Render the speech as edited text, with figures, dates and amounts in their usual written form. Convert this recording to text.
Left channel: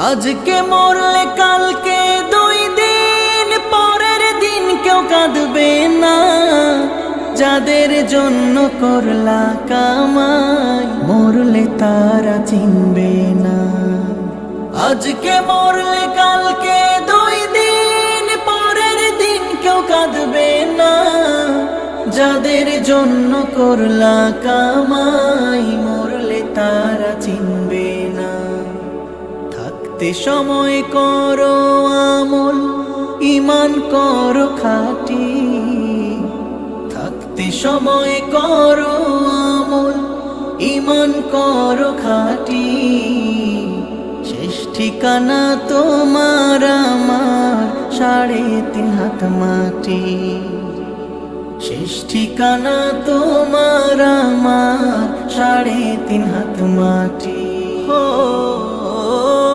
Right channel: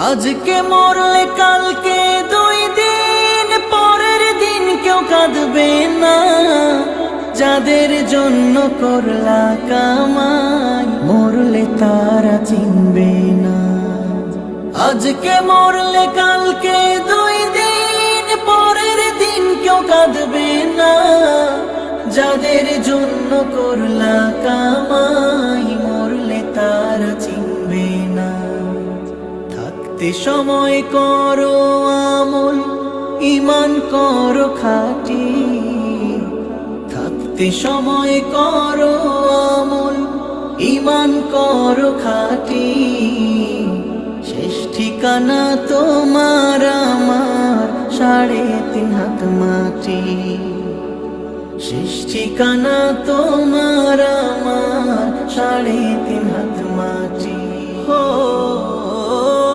আজকে মরলে কালকে 2 দিন পরের দিন কেউ কাঁদবে না। যাদের জন্য করলা কামাই মরলে তারা চিনবে না। আজকে মরলে কালকে 2 দিন পরের দিন কেউ কাঁদবে না। যাদের জন্য করলা কামাই মরলে তারা চিনবে না। থাকতে সময় করো আমল, ঈমান করো খাঁটি। থাকতে সময় করো আমল, ঈমান করো খাঁটি। শেষ ঠিকানা তোমার আমার 3.5 হাত মাটি। শেষ ঠিকানা তোমার আমার 3.5 হাত মাটি।